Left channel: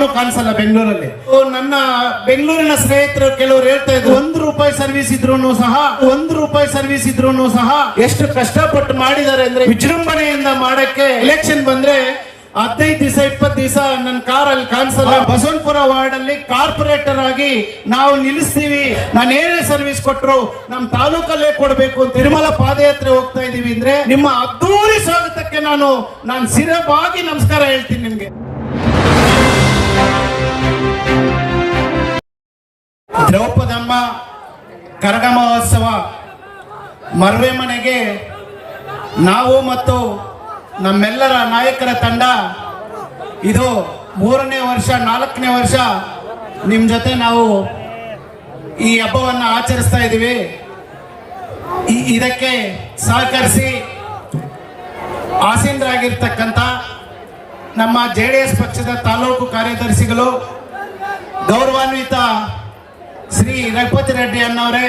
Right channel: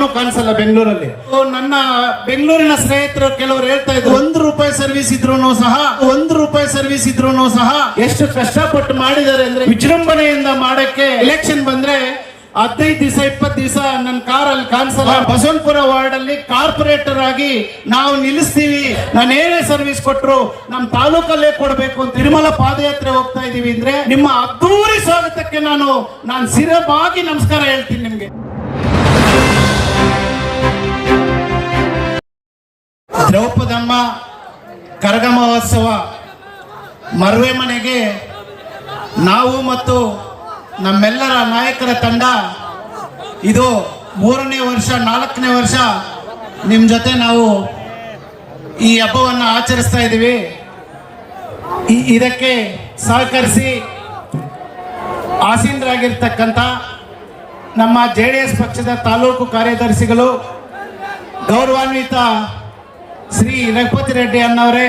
ನಾನು ಕಾಣಿಸಲ್ಲ ಬೆಂಗಳೂರಲ್ಲಿ. ನನ್ನ ಬೆಂಗಳೂರಿನ ಸ್ನೇಹಿತರು ಕೆಲವರು ಹೇಳ್ತಾ ಇದ್ರು, ₹1 ಸರ್ವಿಸ್ ಇದ್ರೂ ಸಹ ಎಷ್ಟು ಕಷ್ಟಪಟ್ಟು ಮಾಡಿದ್ದಾರೆ ಅಂದ್ರೆ, ವಿಜೃಂಭಣೆಯಿಂದ ಮಾಡಕ್ಕೆ ಎಲೆಕ್ಷನ್ ಬಂದ್ರೆ 15 ದಿವಸ 20 ದಿವಸ ನನ್ನ ಕಾರಲ್ಲಿ ಕಾಣಿಸಲ್ಲ. ಬಸವನಪುರ ವಾರ್ಡ್ ಅಲ್ಲಿ ಕಾರ್ಪೊರೇಟರ್ ಆಗಿ ನಾವು ನಿಲ್ಲಿಸ್ತೀವಿ, ನಾನು ಏನೇ ಸರ್ವಿಸ್ ಕೊಟ್ರು ನಮ್ಮ ತಾಲೂಕಲ್ಲೇ ಕೊಡಬೇಕು ಅಂತ ತಿರುಮಲ ಪಾದಯಾತ್ರೆ ಹೋಗ್ತಾ ಇದೀವಿ ಅಂದ್ರೆ, ನಿಮ್ಮ ಅದ್ದೂರಿ ಸ್ವಾಗತಕ್ಕೆ ನಾನು ಸಿರಬಾಗಿ ನಮಸ್ಕಾರ ಹೇಳ್ತೀನಿ ನಿಮ್ಗೆ. ದ್ರೌಪದಮ್ಮ ಕರಗ ಮಹೋತ್ಸವ ಮರವೆ ಮನೆಗೆ ನಾವು ಮತ್ತು ನಮ್ಮೆಲ್ಲರ ನಾಯಕರ ತಂಡ ಇದು 3ನೇ ವರ್ಷ 4ನೇ ವರ್ಷ ನಿಮ್ಮ ಜೊತೆ ನಾವು ಈ ಹಬ್ಬವನ್ನು ಆಚರಿಸ್ತಾ ಇದ್ದೀವಿ. ಇದಕ್ಕೆ ಸಹಕರಿಸಿ ಆಸೀನರಾಗಿರ್ತಕ್ಕಂಥ ನಮ್ಮ JDS ಪಕ್ಷದ ತಾಲೂಕು ಕಾರ್ಯದರ್ಶಿಗಳು, ಗೌರವಾನ್ವಿತ ಶ್ರೀ ರಘುಪತಿ ರೆಡ್ಡಿ ಅಣ್ಣವರೇ,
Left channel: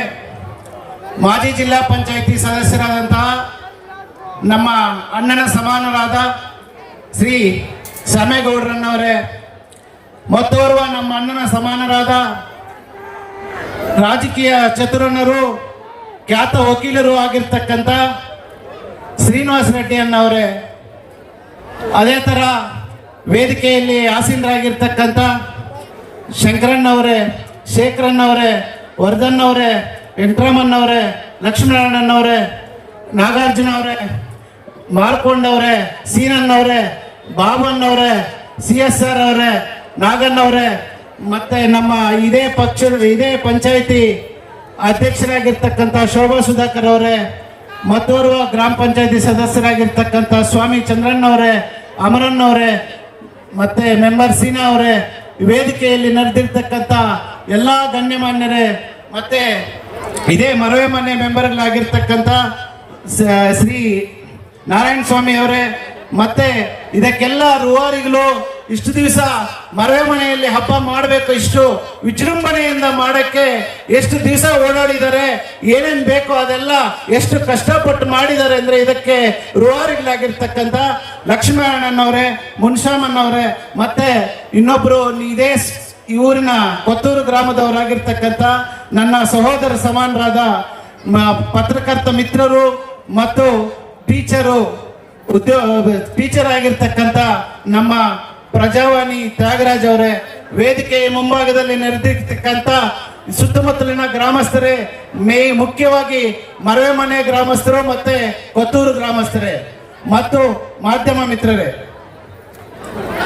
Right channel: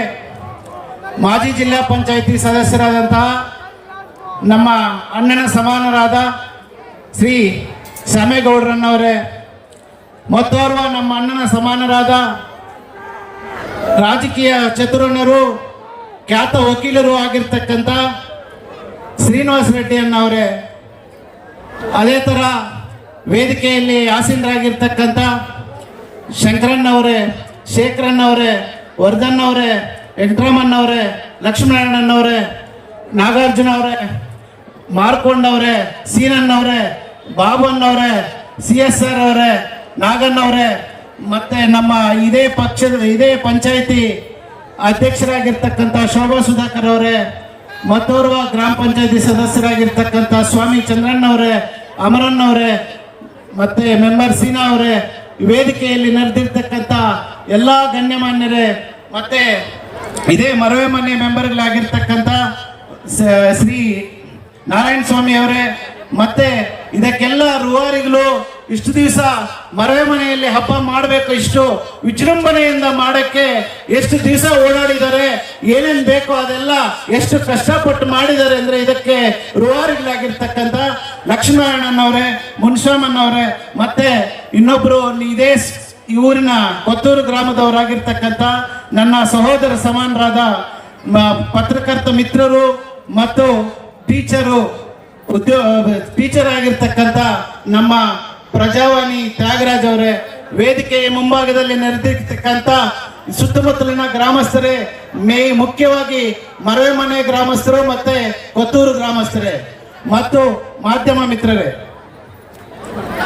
ಮಾಜಿ ಜಿಲ್ಲಾ ಪಂಚಾಯಿತಿ ಸದಸ್ಯರಾದಂತಹ ನಮ್ಮ ಅಣ್ಣನ ಸಮಾನರಾದ ಶ್ರೀ ಶ್ಯಾಮೇಗೌಡರನ್ನವರೇ, ಮತ್ತೋರ್ವ ನಮ್ಮ ಅಣ್ಣನ ಸಮಾನರಾದ ರಾಜಕೀಯ ಚತುರನರು, ಖ್ಯಾತ ವಕೀಲರು ಆಗಿರ್ತಕ್ಕಂಥ ಶ್ರೀನಿವಾಸ ರೆಡ್ಡಿ ಅಣ್ಣವರೇ, ಅದೇ ತರ ವೇದಿಕೆಯಲ್ಲಿ ಆಸೀನರಾಗಿರ್ತಕ್ಕಂಥ ಶಂಕರಣ್ಣವರೇ, ಶೇಖರಣ್ಣವರೇ, ವರ್ಧನ್ನವರೇ, ವೆಂಕಟರಾಮಣ್ಣವರೇ, ಲಕ್ಷ್ಮಣಣ್ಣನವರೇ, ನಾಗಾರ್ಜುನ ಅವರೇ, ಮಾರ್ಕೊಂಡವ್ರೆ, ಸೀನಣ್ಣವ್ರೆ, ಬಾಬಣ್ಣವ್ರೆ, CSR ಅವರೇ, ನಾಗಣ್ಣವ್ರೆ, ಮತ್ತೆ ನಮ್ಮ ಇದೇ ಪಂಚಾಯಿತಿ ಅಧ್ಯಕ್ಷರಾಗಿರ್ತಕ್ಕಂಥ ಶೋಭಾ ಸುಧಾಕರ್ ಅವರೇ, ಮತ್ತೋರ್ವ ಗ್ರಾಮ ಪಂಚಾಯಿತಿ ಸದಸ್ಯರಾಗಿರ್ತಕ್ಕಂಥ ಸ್ವಾಮಿ ಚಂದ್ರಣ್ಣವರೇ, ಅಮರಣ್ಣವರೇ, ಮತ್ತೆ ಮೆಂಬರ್ ಸೀನಾ ಅವರೇ, ವೇದಿಕೆಯಲ್ಲಿ ನಡೆದಿರ್ತಕ್ಕಂಥ ಎಲ್ಲಾ ಗಣ್ಯಮಾನ್ಯರೇ, ಮತ್ತೆ ಇದೇ ಮರವೆ ಮನೆ ಮೆಂಬರ್ಗಳಾಗಿರ್ತಕ್ಕಂಥ ಶ್ರೀ ನಾರಾಯಣ ಸ್ವಾಮಿ ಅವರೇ, ಮತ್ತೆ ಇದಕ್ಕೆಲ್ಲ ರೂವಾರಿಗಳು ಇಷ್ಟು ದಿವಸ ಮರವೆ ಮನೆಯಲ್ಲಿ ಹಬ್ಬ ಮಾಡಬೇಕು, ಇಷ್ಟು ವಿಜೃಂಭಣೆಯಿಂದ ಮಾಡಕ್ಕೆ ಎಷ್ಟು ದಿವಸ ಓಡಾಡಿದ್ದಾರೆ, ಏನೇನ್ ಬೇಕೋ ಅದೆಲ್ಲ ಎಷ್ಟು ಕಷ್ಟಪಟ್ಟು ಮಾಡಿದ್ದಾರೆ ಅಂದ್ರೆ, ಇದಕ್ಕೆ ರೂವಾರಿಗಳಾಗಿರ್ತಕ್ಕಂಥ ಲಕ್ಷ್ಮಣಣ್ಣನವರೇ, ಮುನ್ಸ್ವಾಮಣ್ಣವರೇ, ಮತ್ತೆ ಇನ್ನೊಬ್ರು ಇದೇ ಈ ಊರಿನ ಕೊತ್ತೂರು ಗ್ರಾಮದವರಾಗಿರ್ತಕ್ಕಂಥ ನನ್ನ ಸಹೋದರ ಸಮಾನರಾದ ಪತ್ರಕರ್ತ ಮಿತ್ರರು ಮತ್ತು ಟೀಚರ್ ಆಗಿರ್ತಕ್ಕಂಥ ನಮ್ಮ ಪ್ರಜಾವಾಣಿ ತ್ಯಾಗರಾಜ್ ಅವರೇ, ವೇದಿಕೆಯ ಮುಂಭಾಗದಲ್ಲಿ ನಡೆದಿರ್ತಕ್ಕಂಥ ಸುತ್ತಮುತ್ತಲಿನ ಗ್ರಾಮಸ್ಥರೇ, ಮುಖ್ಯವಾಗಿ ಮರವೆ ಮನೆ ಗ್ರಾಮಸ್ಥರು ಮತ್ತೆ ಕೊತ್ತೂರು ಗ್ರಾಮಸ್ಥರೇ ಮತ್ತು ಮಾಧ್ಯಮ ಮಿತ್ರರೇ,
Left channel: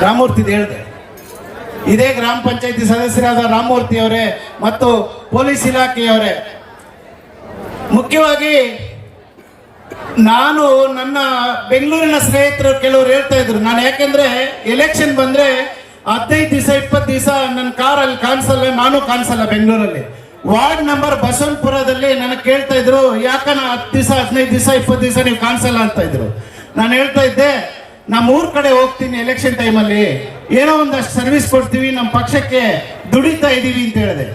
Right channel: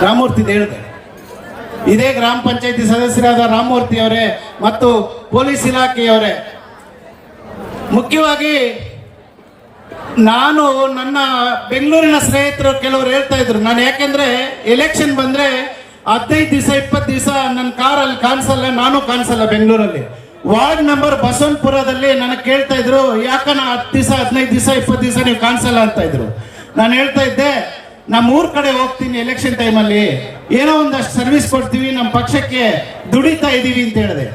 ರಾಮಮೂರ್ತಿ ಹೇಳಿದೆ, ಇದೇ ಗ್ರಾಮ ಪಂಚಾಯತಿ ಸದಸ್ಯರಾದ ರಾಮಮೂರ್ತಿ ಅವರೇ ಮತ್ತು ಪೊಲೀಸ್ ಇಲಾಖೆಯವರೇ, ಮುಖ್ಯವಾಗಿ ನಾನು ನನ್ನ ಬೆಂಗಳೂರಿನ ಸ್ನೇಹಿತರು ಕೆಲವರು ಹೇಳ್ತಾ ಇದ್ರು, ನಾನು ಯಾಕೆಂದ್ರೆ ಎಲೆಕ್ಷನ್ ಬಂದ್ರೆ 15 ದಿವಸ 20 ದಿವಸ ನನ್ನ ಕಾರಲ್ಲಿ ಕಾಣಿಸಲ್ಲ, ನಾನು ಕಾಣಿಸಲ್ಲ ಬೆಂಗಳೂರಲ್ಲಿ. ವಾರ್ಡ್ ನಂಬರ್ ಬಸವನಪುರದಲ್ಲಿ ನನಗೆ ಕೇಳ್ತಾ ಇದ್ರು, ಯಾಕನ 10 ದಿವಸ 15 ದಿವಸ 20 ದಿವಸ ನೀವು ಕಾಣಿಸಲ್ಲ ಅಂತ ಇದ್ರು. ನಾನು ಹೇಳ್ತಾ ಇದ್ದೆ, ನಮ್ಮ ಊರ್ ಕಡೆ ಹೋಗ್ತೀನಿ ಎಲೆಕ್ಷನ್ ಟೈಮಲ್ಲಿ, ಏನೋ ಒಂದಷ್ಟು ಸರ್ವಿಸ್ ಕೊಡ್ತೀವಿ, ನಮ್ಮ ಪಕ್ಷಕ್ಕೆ ದುಡಿತಾ ಇದೀವಿ ಅಂತ ಹೇಳಿದೆ.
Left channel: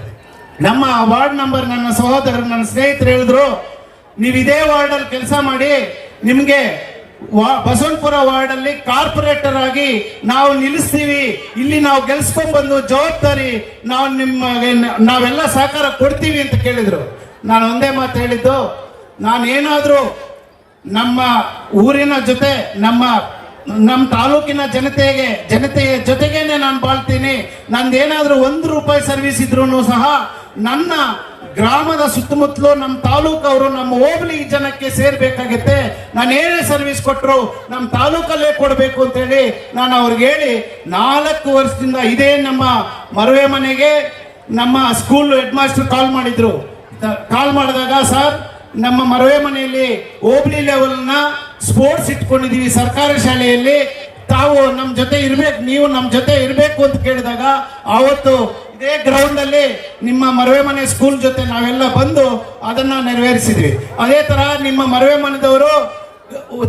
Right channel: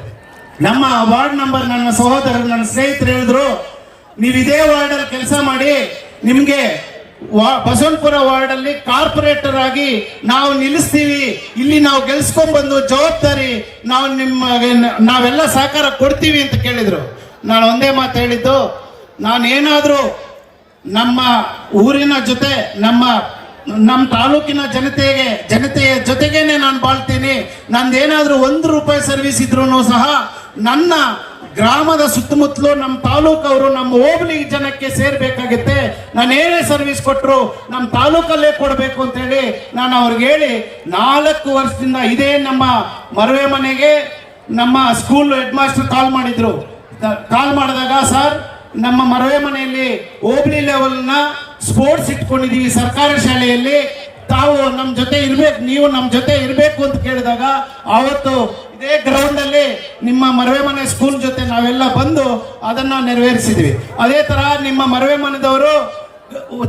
ನಮ್ಮ ವಾರ್ಡ್ ನಂಬರ್ ನನ್ನ ಸಹೋದರರು, ನನ್ನ ಸ್ನೇಹಿತರು ಹೇಳಿದ್ರು, ನೀವು ಇದೇ ವಾರ್ಡ್ ಅಲ್ಲಿ ಕೆಲಸ ಮಾಡಿ, ನಿಮ್ಗೆ ಬಸವನಪುರ ವಾರ್ಡ್ ಅಲ್ಲಿ ಕಾರ್ಪೊರೇಟರ್ ಆಗಿ ನಾವು ನಿಲ್ಲಿಸ್ತೀವಿ, ಇಲ್ಲಿ ನಾವು ಗೆಲ್ಸ್ಕೊಂಡ್ ಬಂದು ಜವಾಬ್ದಾರಿ ನಾವೆಲ್ಲ ಸಹಕಾರ ಕೊಡ್ತೀವಿ ಅಂತ ಕೇಳಿದ್ರು. ನಾನು ಒಂದೇ ಮಾತು ಹೇಳಿದ್ದು, ನಾನೇನಾದ್ರೂ ನಮ್ಮ ಊರಿನ ಜೊತೆ ನಮ್ಮ ತಾಲೂಕಿನ ಜನತೆಯ ಜೊತೆಗೇನೆ ನಾನು ಬಾಳ್ತೀನಿ. ನಂದೇನಾದ್ರೂ ₹1 ಸರ್ವಿಸ್ ಇದ್ರೂ ಸಹ ನನ್ನ ಗ್ರಾಮದ ಸುತ್ತಮುತ್ತಲು ನಮ್ಮ ತಾಲೂಕವರು ನಮ್ಮ ಹೋಬಳಿ ಜನಕ್ಕೆ ಸೇರ್ಬೇಕಾಗುತ್ತೆ, ನಾನು ಏನೇ ಸರ್ವಿಸ್ ಕೊಟ್ಟರು ನಮ್ಮ ತಾಲೂಕಲ್ಲೇ ಕೊಡಬೇಕು ಅಂತ ಹೇಳಿ ನಾನು ಅವ್ರಿಗೆ ಹೇಳಿ 4 ವರ್ಷದಿಂದ ಇದೇ ನಮ್ಮ ಮರವೆ ಮನೆಗೆ ನಮ್ಮ ಸ್ಕೂಲ್ ಹೆಡ್ ಮಾಸ್ಟರ್ ಕಾಲ್ ಮಾಡಿದಾಗ, ಸರ್ ನಮ್ಮ ಮರವೆ ಮನೆಯಲ್ಲಿ ಹೋಬಳಿ ಲೆವೆಲ್ನ ಸ್ಪೋರ್ಟ್ಸ್ ಇಟ್ಕೊಂಡಿದೀವಿ ಸರ್ಕಾರಿ ಶಾಲೆಯಲ್ಲಿ, ತಾವು ನಮ್ಮ ಜೊತೆ ಇರ್ಬೇಕು, ನೀವು ನಮ್ಮ ಜೊತೆ ಇರಬೇಕು ಅಂತ ಕೇಳಿದಾಗ, ಆವತ್ತು ಇದೇ ಗ್ರೌಂಡ್ ಅಲ್ಲಿ ನಿಮ್ಮ ಮರವೆ ಮನೆ ಸ್ಕೂಲ್ ಜೊತೆ ನಾವೆಲ್ಲ ಬಂದು ಅದನ್ನ ನೆರವೇರಿಸಿದ್ವಿ. ಅದೇ ತರ ನಿಮ್ಮ ಮರವೆ ಮನೆದವರು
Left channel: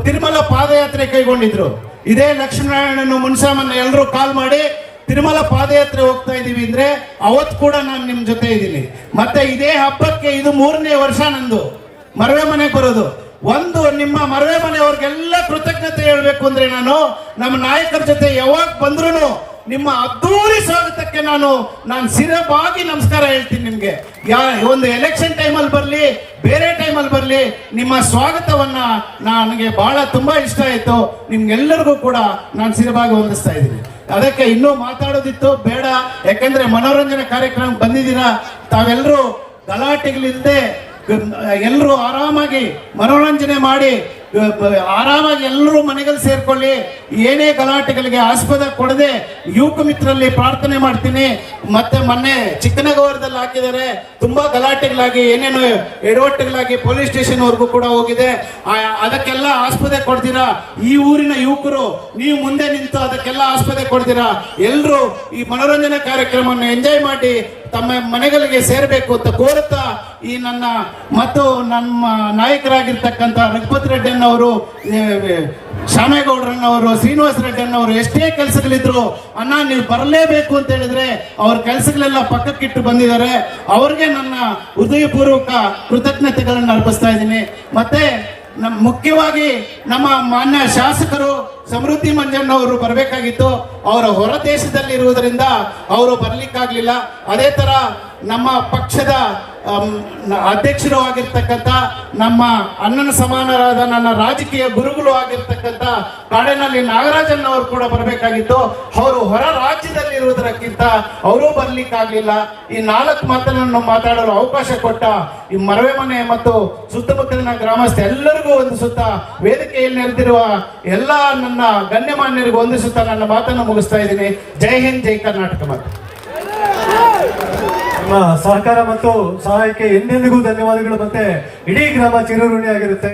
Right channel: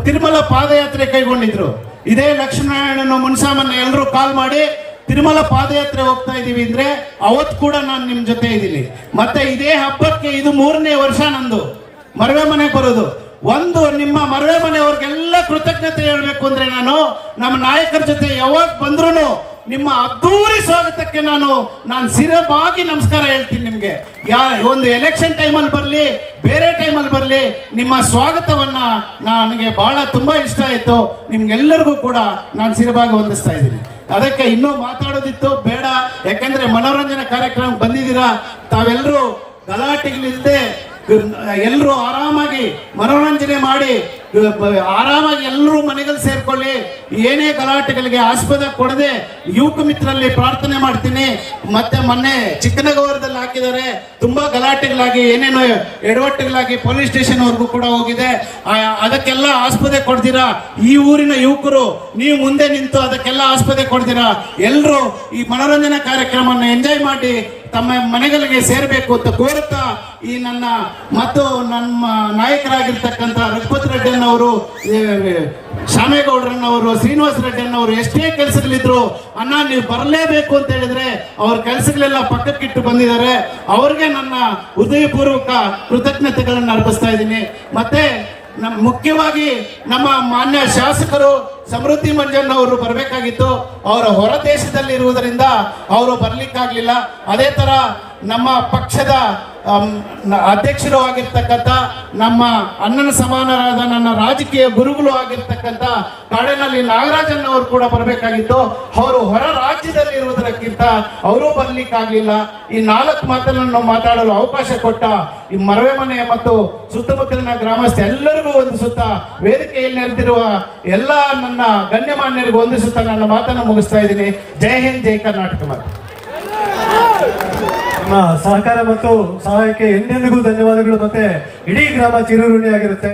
ತಿರುಮಲ ಪಾದಯಾತ್ರೆ ಕೈಗೊಂಡಿದ್ರು. ಇದೇ ಲಕ್ಷ್ಮೀನಾರಾಯಣನು ಮುನ್ಸಾಮನ್ನ ಎಲ್ಲರೂ ಕಾಲ್ ಮಾಡಿ ತಿರುಮಲ ಪಾದಯಾತ್ರೆ ಹೋಗ್ತಾ ಇದೀವಿ ಅಂದ್ರೆ ಅವತ್ತು ಕೂಡ ನಾನು ನಿಮ್ ಜೊತೆ ಇದ್ದೀನಿ. ಮತ್ತೆ ಇದೇ ಹಬ್ಬಕ್ಕೆ ಇದು 3ನೇ ವರ್ಷ ನಂದು ಮರವೆ ಮನೆ ಬರೋದು. ನಿಮ್ಮ ಮರವೆ ಮನೆಯವ್ರಿಗೆಲ್ಲ ಕೃತಜ್ಞತೆ ಹೇಳ್ಬೇಕು ಅಂದ್ರೆ, ನಾನು ನಮ್ಮ ನಾಯಕರ ಜೊತೆ ಯಾವಾಗ ಬಂದ್ರು ನಿಮ್ಮ ಅದ್ದೂರಿ ಸ್ವಾಗತಕ್ಕೆ ನಾನು ಸಿರಬಾಗಿ ನಮಸ್ಕಾರ ಹೇಳ್ತೀನಿ ನಿಮ್ಗೆ. ಒಂದು ಎಲೆಕ್ಷನ್ ಟೈಮಲ್ಲಿ ಬರಲಿ, ಬೇರೆ ಟೈಮಲ್ಲಿ ಬರಲಿ, ನಿಮ್ಮ ಸ್ವಾಗತವನ್ನ ನನಗೆ ಬಹಳ ತುಂಬಾ ಇಷ್ಟ ಆಯ್ತು. ನಿಮ್ಗೆಲ್ಲರಿಗೂ ಕೂಡ ನಾನು ಸಿರಬಾಗಿ ವಂದಿಸ್ತಾ ಇದ್ದೀನಿ. ಅದಕ್ಕೆ ಇನ್ನೂ ಮಾತಾಡೋದಿತ್ತು ಬೇಡ, ಯಾಕಂದ್ರೆ ಮನೋರಂಜನಾ ಕಾರ್ಯಕ್ರಮ ಬಂದಿದ್ದೀರಾ. ತಾವೆಲ್ಲರೂ ಗಲಾಟೆಗಳಿಲ್ಲದೆ ಎಲ್ಲರೂ ಆರಾಮಾಗಿ ಮನೋರಂಜನೆ ಮಾಡಿ ಆರಾಮಾಗಿ ಎಲ್ಲರೂ ಮನೆಗಳಲ್ಲಿ ಸೇರ್ಕೊಳ್ಳಿ. ಏನೇ ಗಲಾಟೆಗಳಿಗೆ ಆಸ್ಪದ ಕೊಡದೆ ಯುವಕ ಮಿತ್ರರಲ್ಲಿ ಪ್ರಾರ್ಥನೆ ಮಾಡ್ತೀನಿ. ಮತ್ತೆ ಮೊನ್ನೆ ಚಿಕ್ಕನಗೌರದಲ್ಲಿ ಹಾಕಿದ್ದಾರೆ, ತುಂಬಾ ಗಲಾಟೆಗಳಾಗಿ ಏನೇನೋ ಎಡವಟ್ಟುಗಳಾಗಿ ಪೊಲೀಸ್ ಸ್ಟೇಷನ್ ವರ್ಗೂ ಕೂಡ ಹೋಗಿದೆ. ಅದಕ್ಕೆಲ್ಲ ಆಸ್ಪದೆ ಕೊಡ್ತೀರಾ. ಈ ಊರಿನ ಯುವಕರು ನೀವು ಮುಂದೆ ನಿಂತು ಅದಕ್ಕೆಲ್ಲ ಆಸ್ಪದೆ ಕೊಡ್ತೀರಾ. ಎಲ್ಲರೂ ಈ ಮನೋರಂಜನಾ ಕಾರ್ಯಕ್ರಮವನ್ನು ಎಂಜಾಯ್ ಮಾಡಿ ತಮ್ಮ ಮನೆಗಳಿಗೆ ಸೇರಬೇಕು ಅಂತ ಕೋರುತ್ತಾ, ಈ ನನ್ನ ಮತ್ತು ನಮ್ಮ ನಾಯಕರಾಗಿರ್ತಕ್ಕಂಥ ರಘುಪತಿ ರೆಡ್ಡಿಯನ್ನವರು, ಶ್ಯಾಮೇಗೌಡರನ್ನವರು, ಶ್ರೀನಿವಾಸ ರೆಡ್ಡಿಯನ್ನವರು ಎಷ್ಟೇ ಕೆಲಸಗಳಿದ್ರು ಅಣ್ಣ ನೀವು ಬರಲೇಬೇಕು ಅಂತ ಹೇಳಿದ್ರೆ ಅವ್ರ ಕೆಲಸಗಳೆಲ್ಲ ಪಕ್ಕಕ್ಕಿಟ್ಟು ಬಂದಿದ್ದಾರೆ. ಅವ್ರಿಗೆ ನನ್ನ ಹೃದಯಪೂರ್ವಕ ಕೃತಜ್ಞತೆಗಳನ್ನು ಅರ್ಪಿಸ್ತಾ ಇದ್ದೀನಿ. ಮತ್ತೆ ಮುಖ್ಯವಾಗಿ ನಮ್ಮ ಮಾನ್ಯ ಶಾಸಕರು ಸಮೃದ್ಧಿ ಮಂಜಣ್ಣ ಅವರು ಬರಬೇಕಾಗಿತ್ತು. ಅವರ ಹೊರ ದೇಶದಲ್ಲಿ ಇರುವುದರಿಂದ ಅವರು ಬರ್ಲಿಕ್ಕಾಗ್ಲಿಲ್ಲ. ಅದೇ ತರ ನಮ್ಮ ಪಕ್ಷದ ಅಧ್ಯಕ್ಷರು ಆಗಿರ್ತಕ್ಕಂಥ, ನಮ್ಮ ಅಣ್ಣನ ಸಮಾನರಾದ ನನ್ನ ರಾಜಕೀಯ ಗುರುಗಳು ಆಗಿರ್ತಕ್ಕಂಥ ಕಾಡೇನಹಳ್ಳಿ ನಾಗರಾಜನ್ ಅವರು ಕೂಡ ಬರಬೇಕಾಗಿತ್ತು. ಅವರು ಹೊರ ರಾಜ್ಯದಲ್ಲಿ ಇರುವುದಕ್ಕಿಂತ ಅವರು ಬರ್ಲಿಕ್ಕಾಗ್ಲಿಲ್ಲ. ಈ 4 ಮಾತನ್ನು ಮಾತಾಡಲು ಅವಕಾಶ ಕೊಟ್ಟ ಈ ಮರವೆ ಮನೆ ಮತ್ತು ಸುತ್ತಮುತ್ತಲಿನ ಗ್ರಾಮಸ್ಥ ಎಲ್ಲರಿಗೂ ವಂದಿಸುತ್ತಾ, ವೇದಿಕೆಯಲ್ಲಿ ನೆರೆದಿರುವ ಎಲ್ಲ ನನ್ನ ಗಣ್ಯಮಾನ್ಯರಿಗೂ ವಂದಿಸುತ್ತಾ ನನ್ನ ಮಾತನ್ನು ಮುಗಿಸ್ತಾ ಇದ್ದೀನಿ. ಜೈ ಹಿಂದ್, ಜೈ ಕರ್ನಾಟಕ. ನಿಮ್ಮ ಸಹಕಾರ ಮತ್ತು ಸಹಾಯಕ್ಕೆ ಎಂದೆಂದಿಗೂ ಧನ್ಯವಾದಗಳು. ಮತ್ತೆ ಇಡೀ ಗ್ರಾಮ ಚಿರಋಣಿ ಆಗಿರುತ್ತೆ.